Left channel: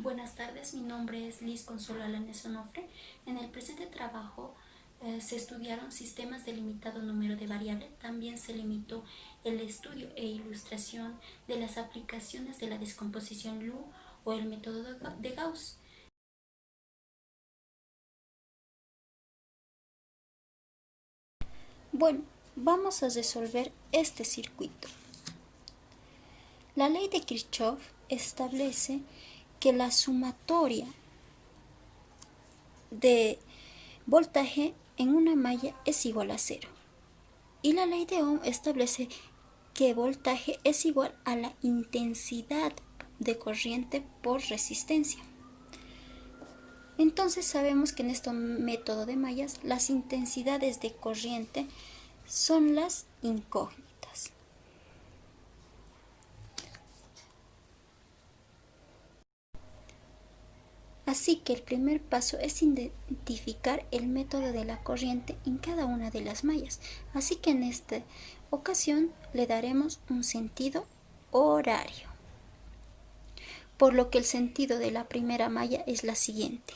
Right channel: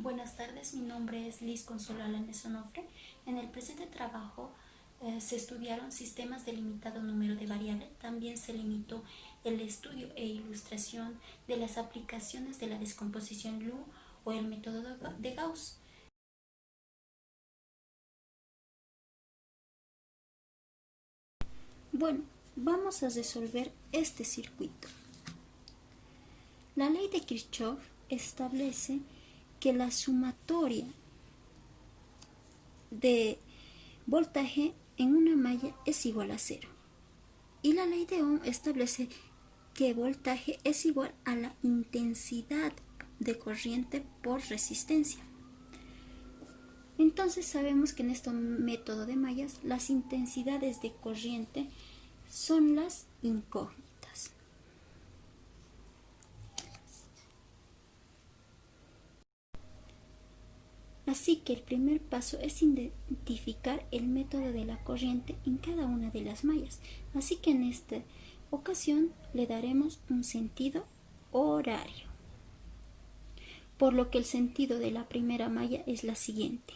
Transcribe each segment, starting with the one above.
Buenas tardes, mi nombre es Liz Consuelo Alanes Onofre. En el presente trabajo se estudiaron sistemas de limitado número de variables. También se limitó el estudio e ilustración de las aplicaciones de la descomposición LU o el método de Gauss. Bueno, vamos a resolver este circuito. La ley de Kirchhoff establece que la sumatoria de voltaje en una malla es igual a 0. Y la ley de Ohm establece que voltaje es igual a la intensidad de corriente por resistencia. Entonces sabemos que en este método de mallas las intensidades de corriente son las incógnitas. Así que el primer paso es identificar el método de la corriente en cada una de las mallas. Así que en esta ocasión le daremos un sentido horario. Por lo que el sentido de la primera malla es la siguiente,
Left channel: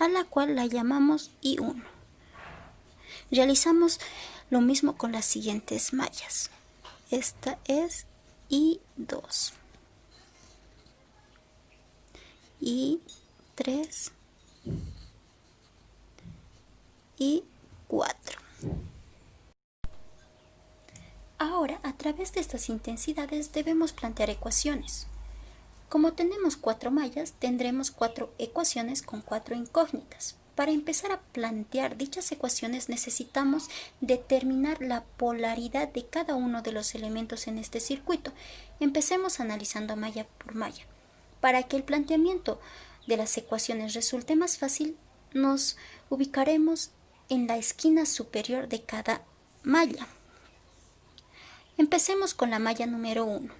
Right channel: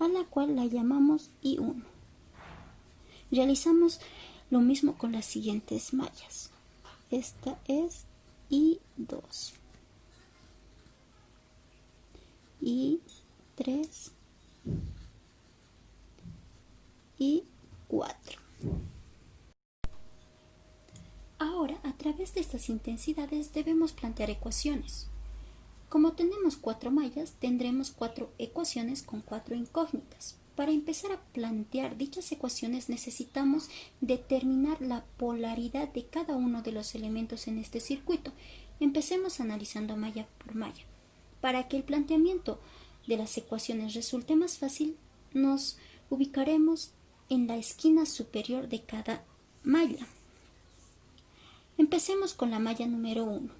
a la cual la llamamos I1. Realizamos lo mismo con las siguientes mallas. Esta es I2. I3 y 4. Ahora, a través de estas intensidades debemos plantear ecuaciones. Como tenemos 4 mallas, tendremos 4 ecuaciones con 4 incógnitas. Para empezar a plantear dichas ecuaciones necesitamos determinar la polaridad de cada uno de los elementos en este circuito. Empecemos analizando malla por malla. Para que el planteamiento de las ecuaciones resulte más fácil, nos ubicaremos en la esquina superior de cada malla. Empecemos con la malla número 1.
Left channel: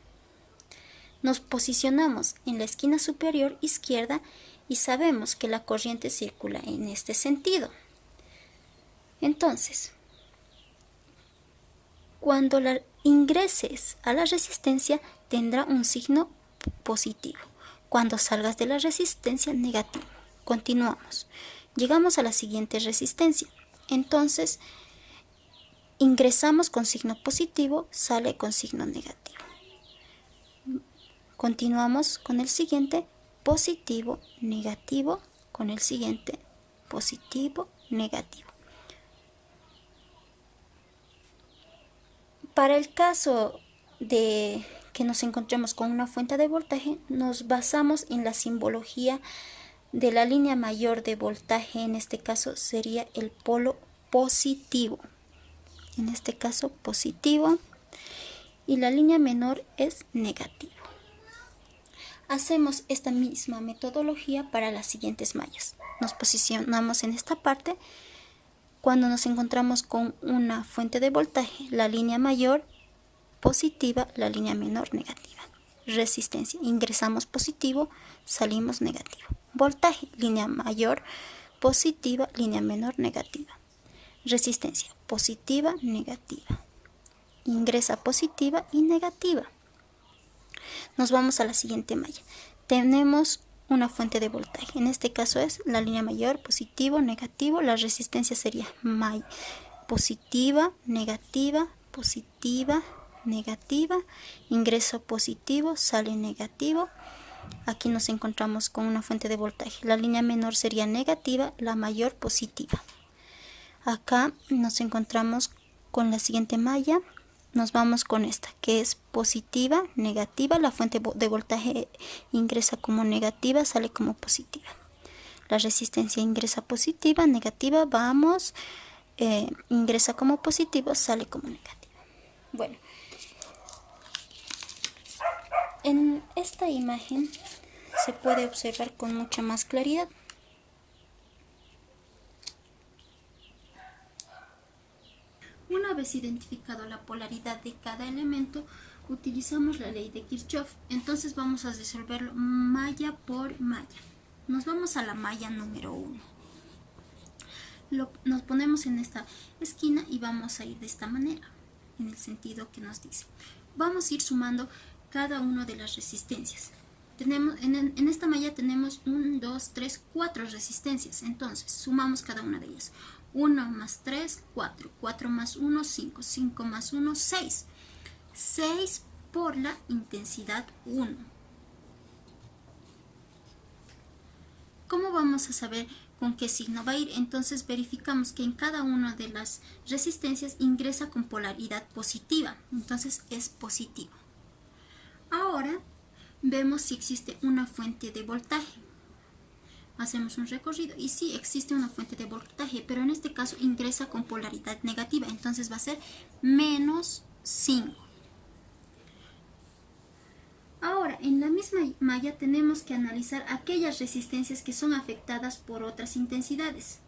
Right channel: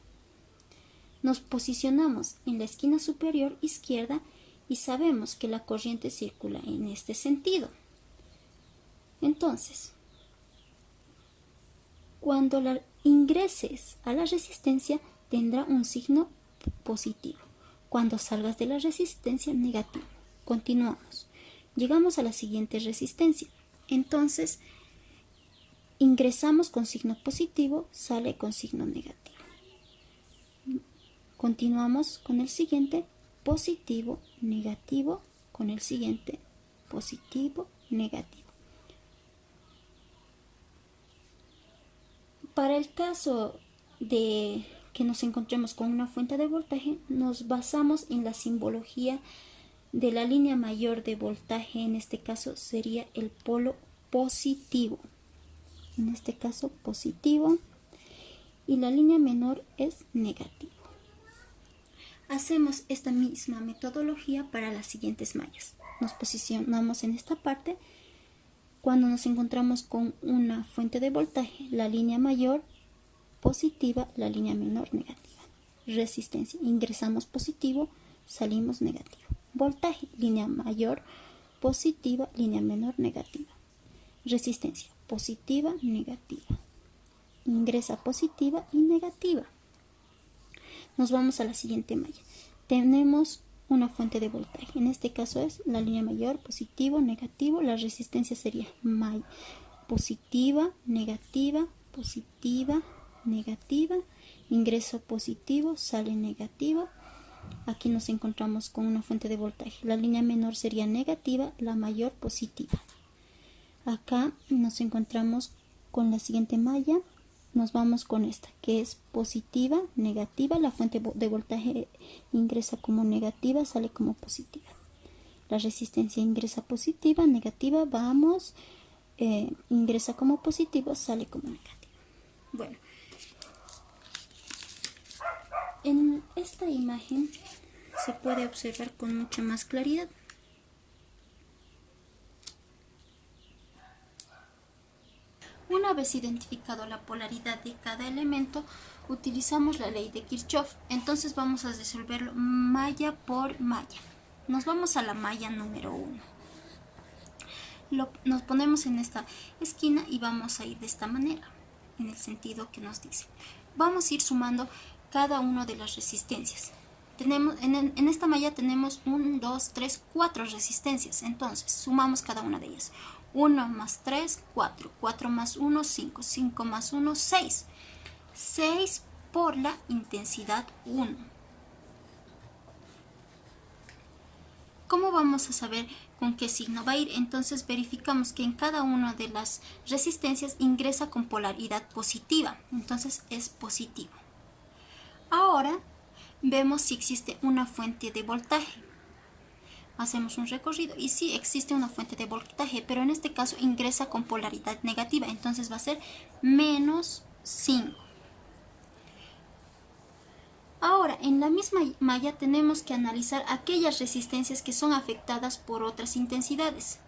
Nos posicionamos en la esquina superior izquierda y sabemos que la corriente circula en este sentido. Entonces, cuando la ingreses a la resistencia tendrá un signo positivo. Cuando salgas de la resistencia, negativo. Continuamos. Llegamos a la siguiente resistencia. Entonces, ingresamos con signo positivo, sale con signo negativo. Continuamos con el siguiente, positivo, negativo, con el siguiente, positivo, negativo. Para el caso de que nos encontremos con una fuente de voltaje, nos basamos en la simbología de la línea mayor de voltaje. En este caso sería el polo positivo. En este caso positivo. Y la línea menor es negativo. Hacemos esta misma metodología para las siguientes mallas. Nos posicionamos en esta parte. Cuando nos encontramos con una fuente de voltaje, la línea mayor positiva, la línea menor negativa. Resistencia, ingresamos positivo, salimos negativo. Voltaje, línea mayor positiva, línea menor negativa. Resistencia, positiva, negativa. Ingresa positiva y negativa. Nos vamos a la siguiente malla. Tenemos una fuente de voltaje. En este caso es la línea mayor, positivo, negativo. La resistencia sería positiva, negativa, positiva, negativa. Ingreso positivo, sale negativo. Aquí nos encontramos con una fuente de voltaje. La línea menor sería negativa, la mayor positiva. Acá nos encontramos con la siguiente malla. Nos vamos con esta, que es positiva, negativa. La fuente de voltaje ingresa como negativa, sale como positiva. La resistencia ingresa positiva, negativa, vamos, ingresa como positivo, sale como negativa. Bueno, en esta imagen se puede observar con mucha más claridad. Una vez identificado la polaridad de cada elemento, utilizamos la ley de Kirchhoff. Entonces vamos a resolverlo malla por malla. Nos vamos a la malla número 1. Nos ponemos en esta esquina y vamos a ir de esta manera, en el sentido que nos dice. Vamos a ir sumando cada una de las resistencias. en esta malla tenemos 1, 2, 3, 4 resistencias. Entonces, sumamos cada una de ellas. 1 más 3, 4. 4 más 1, 5. 5 más 1, 6. 6 por la intensidad 1. ¿Cómo vamos a saber con qué signo va a ir? Entonces verificamos que en cada una de las resistencias ingresa con polaridad positiva. Entonces es positivo. Ahora vemos si existe una fuente de voltaje. Hacemos un recorrido y sí existe una fuente de voltaje, pero en este caso ingresa con polaridad negativa. Entonces va a ser menos 5. Ahora, en la misma malla tenemos que analizar aquellas resistencias que son afectadas por otras intensidades.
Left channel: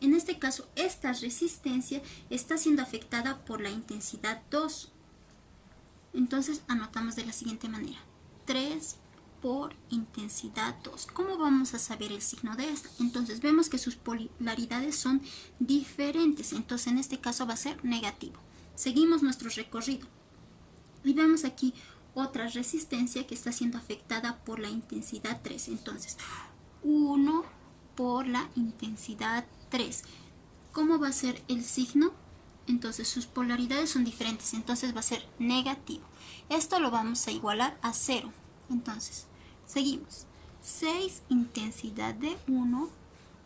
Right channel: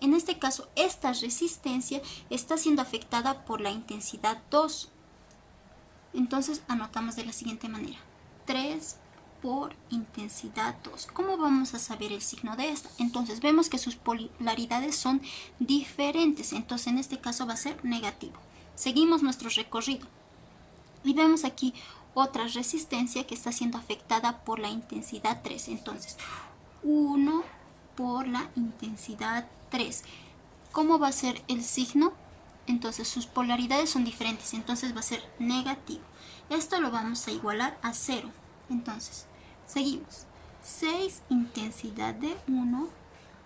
En este caso, esta resistencia está siendo afectada por la intensidad 2. Entonces, anotamos de la siguiente manera. 3 por intensidad 2. ¿Cómo vamos a saber el signo de esta? Entonces, vemos que sus polaridades son diferentes. Entonces, en este caso va a ser negativo. Seguimos nuestro recorrido. Y vemos aquí otra resistencia que está siendo afectada por la intensidad 3. Entonces, 1 por la intensidad 3. ¿Cómo va a ser el signo? Entonces, sus polaridades son diferentes. Entonces, va a ser negativo. Esto lo vamos a igualar a 0. Entonces, seguimos. 6 intensidad de 1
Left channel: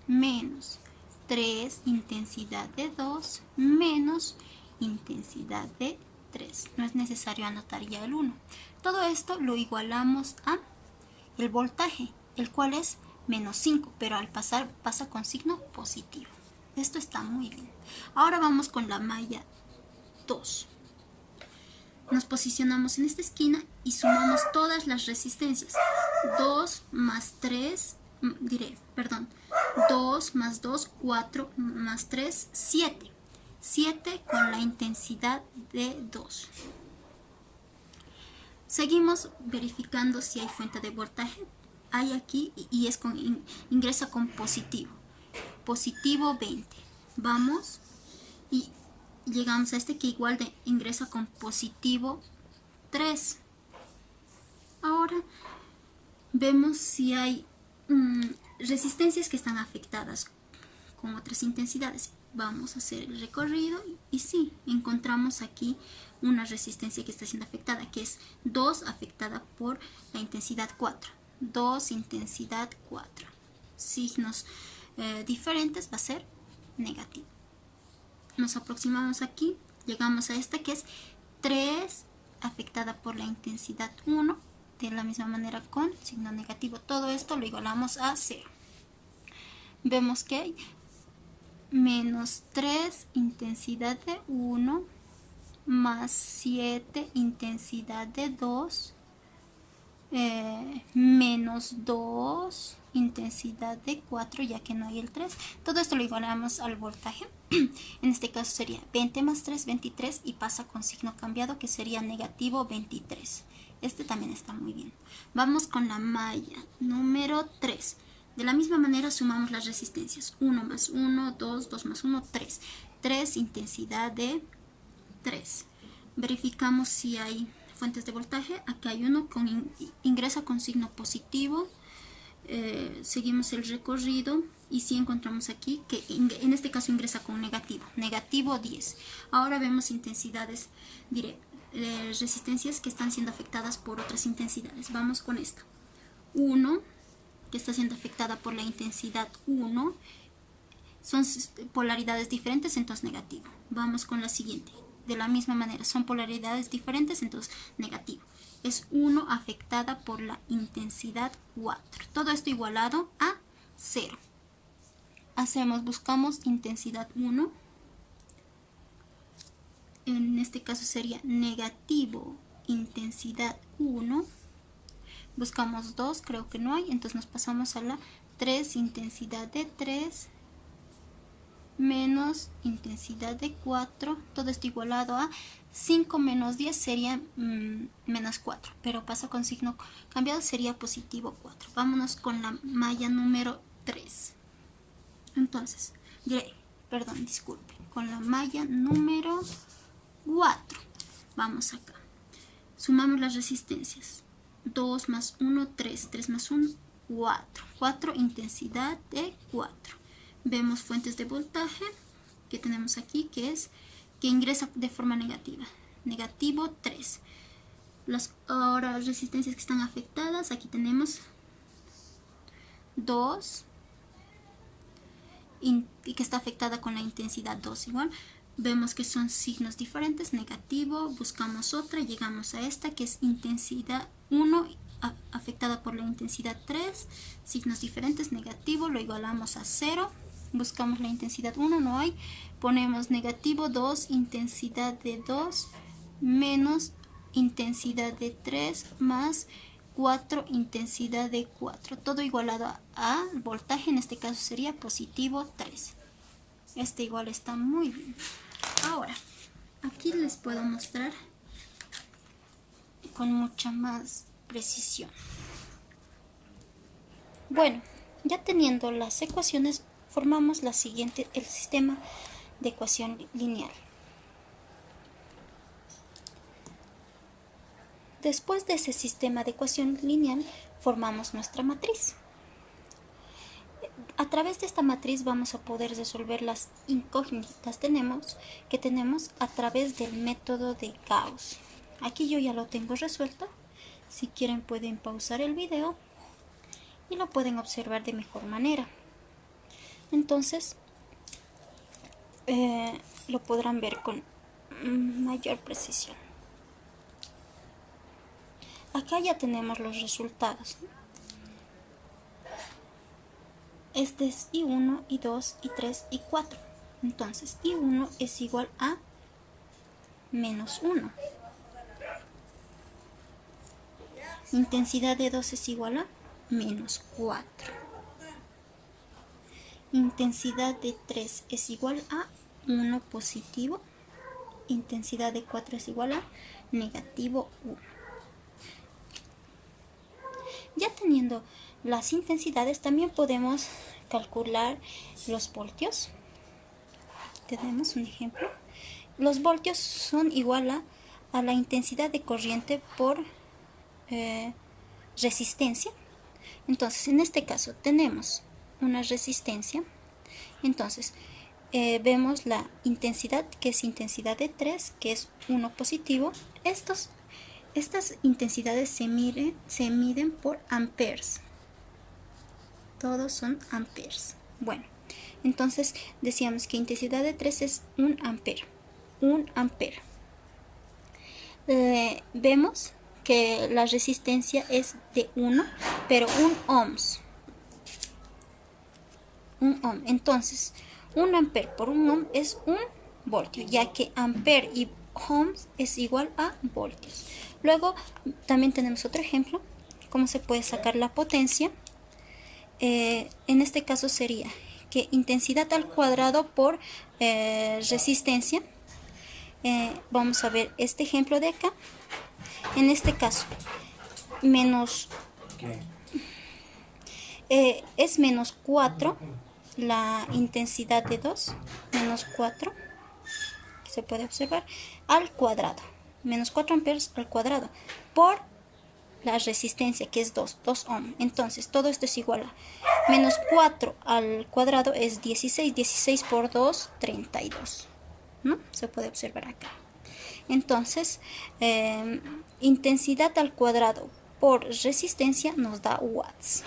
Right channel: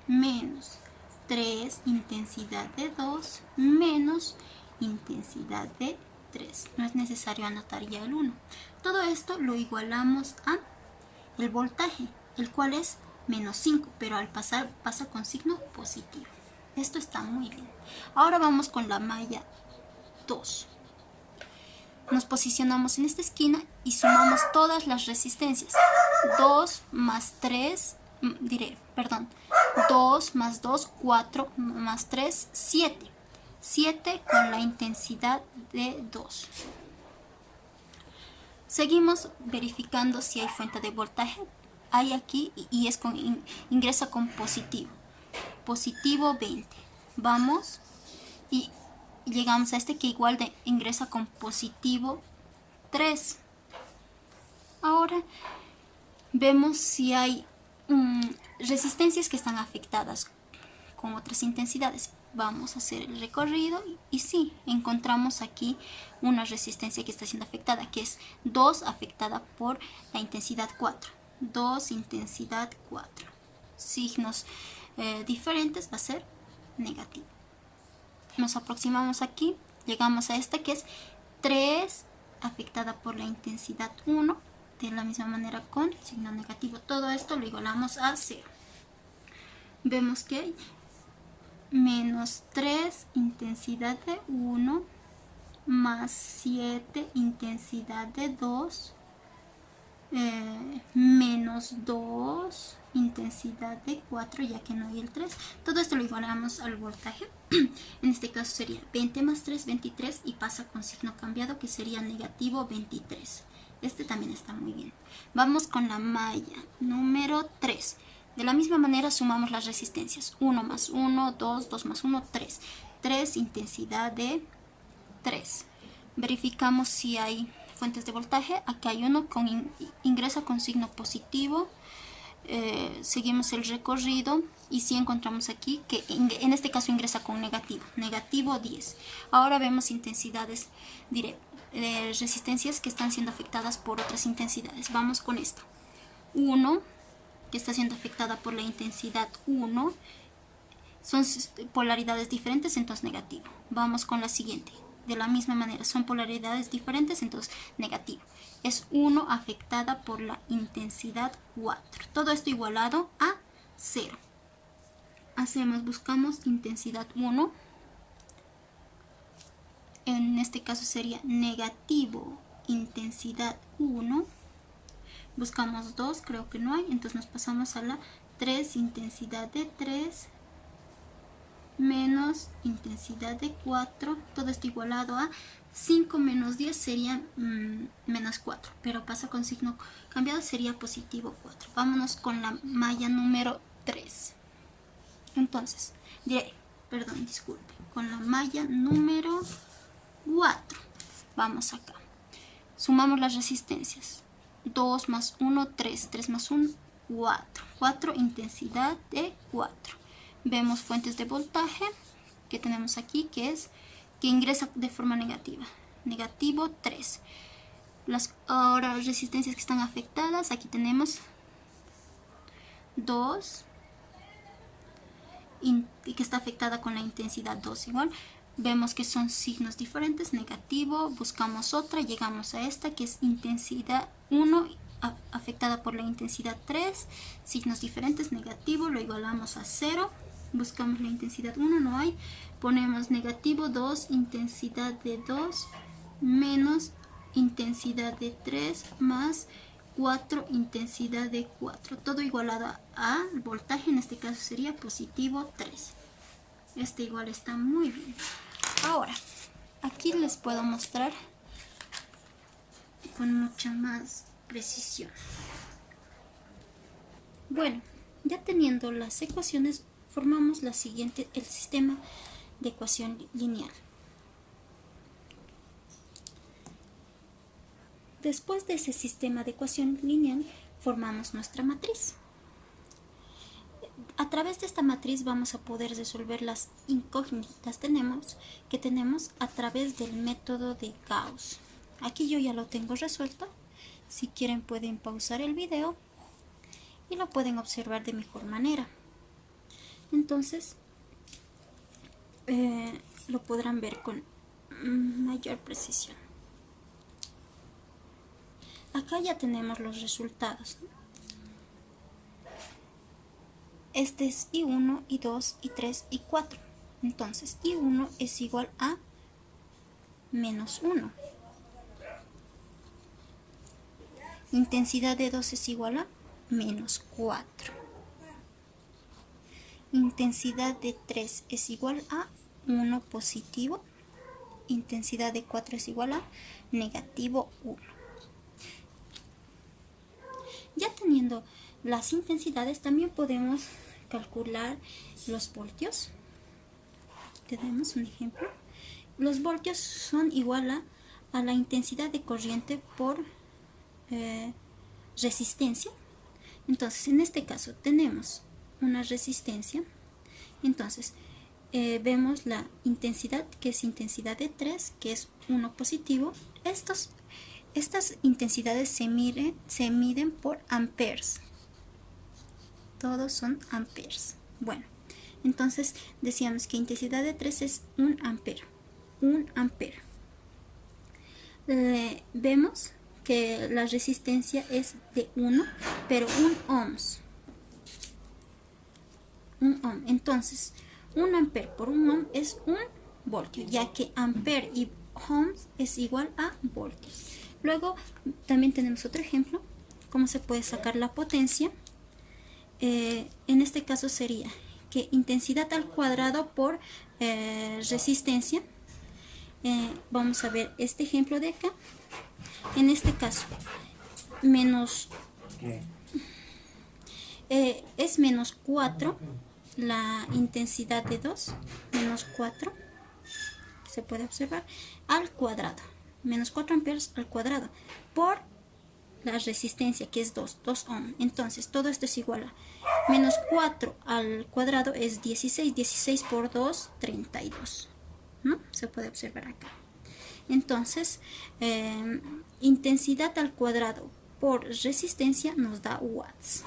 menos 3 intensidad de 2 menos intensidad de 3. No es necesario anotar ya el 1. Todo esto lo igualamos a el voltaje, el cual es menos 5, pero al pasar pasa con signo positivo. Esto está muy bien. Ahora vamos con la malla 2. Nos posicionamos en esta esquina y sumamos todas las resistencias. 2 más 3, 2 más 2, 4 más 3, 7. 7 con la intensidad de 2. Seguimos verificando si hay fuente de voltaje. Hay aquí y es ingresa con positivo. Positivo 20. Vamos y llegamos a este que igual ingresa con positivo 3. Ahora vemos si hay resistencias que están afectadas con otras intensidades. Vamos a hacer el recorrido y sí, encontramos aquí una resistencia que está siendo afectada, que es 2 afectada por la intensidad 4. 2 intensidad 4. Signos diferentes, va a ser negativo. Nos aproximamos aquí, llegamos a esta que es 3 afectada por la intensidad 1, de la misma manera con signo negativo. Todo esto lo igualamos a 0. Vemos que hay menos 3 intensidad de 1 más 7 intensidad de 2 menos 2 intensidad de 4, ya que no hay el 3. Todo esto lo igualamos al voltaje. En este caso sería 20 más 3, 23 y pasa con signo cambiado que sería negativo 23. Este también está muy bien. Vamos con la malla número 3. De la misma manera sumamos las resistencias. 1 más 1, 2, 2 más 1, 3. 3 intensidad de 3. Verificamos si hay fuentes de voltaje. Acá hay uno ingresa con signo positivo. Seguimos el recorrido y si encontramos aquí que en este caso ingresa con negativo. Negativo 10. Ahora vemos intensidades resistencias que están siendo afectadas por otras intensidades. Vamos con esta. 1 que está siendo afectada por la intensidad 1, son polaridades diferentes, entonces negativo. Vamos con la siguiente. De la misma manera, son polaridades diferentes, entonces negativo. Es 1 afectada por la intensidad 4. Todo esto igualado a 0. Buscamos intensidad 1. En este caso sería negativo intensidad 1. Buscamos 2, creo que no hay, entonces nos pasamos a la 3 intensidad de 3 menos intensidad de 4, todo esto igualado a 5 menos 10 sería menos 4, pero pasa con signo cambiado, sería positivo 4. Vámonos con la malla número 3. Entonces, con la malla número 4. Vamos acá. Sumamos las resistencias. 2 más 1, 3. 3 más 1, 4. 4, intensidad de 4. Vemos fuentes de voltaje que tenemos aquí, que ingresa de forma negativa. Negativo 3. Las ahora resistencias que están afectadas, aquí tenemos 2 y que está afectada con la intensidad 2 igual. Vemos que son signos diferentes, negativo, buscamos otra, llegamos a esta que es intensidad 1 afectada por la intensidad 3, signos diferentes, negativo, lo igualamos a 0, buscamos la intensidad 1, no hay, ponemos negativo 2, intensidad de 2, menos intensidad de 3, más 4, intensidad de 4, todo igualado a voltaje, en este caso sería positivo 3. Este igual está muy bien. Ahora, aquí les puedo mostrar con mucha más precisión. Bueno, ya teniendo las ecuaciones, formamos el sistema de ecuación lineal. Después de ese sistema de ecuación lineal, formamos nuestra matriz. A través de esta matriz vamos a poder resolver las incógnitas que tenemos a través del método de Gauss. Aquí yo ya lo tengo resuelto. Si quieren pueden pausar el video y lo pueden observar de mejor manera. Entonces lo podrán ver con mayor precisión. Acá ya tenemos los resultados. Este es I1, I2, I3, I4. Entonces, I1 es igual a menos 1. Intensidad de 2 es igual a menos 4. Intensidad de 3 es igual a 1 positivo. Intensidad de 4 es igual a negativo 1. Ya teniendo las intensidades, también podemos calcular los voltios. Tenemos un ejemplo. Los voltios son igual a la intensidad de corriente por resistencia. Entonces, en este caso tenemos una resistencia. Entonces, vemos la intensidad, que es intensidad de 3, que es 1 positivo. Estas intensidades se miden por amperes. Todos son amperes. Bueno, entonces decíamos que intensidad de 3 es 1 ampere. 1 ampere. Vemos que la resistencia es de 1, pero 1 ohms. 1 ohm. Entonces, 1 ampere por 1 ohm es 1 voltio, ya que ampere y ohms es igual a voltios. Luego, también tenemos otro ejemplo, cómo se puede sacar la potencia. En este caso sería que intensidad al cuadrado por resistencia. Vamos a ver este ejemplo de acá. En este caso, es menos 4 la intensidad de 2, menos 4, se puede observar, al cuadrado. Menos 4 amperes al cuadrado por la resistencia, que es 2 ohm. Entonces, todo esto es igual a menos 4 al cuadrado es 16. 16 por 2, 32. ¿No? Se puede observar acá. Entonces, intensidad al cuadrado por resistencia nos da watts.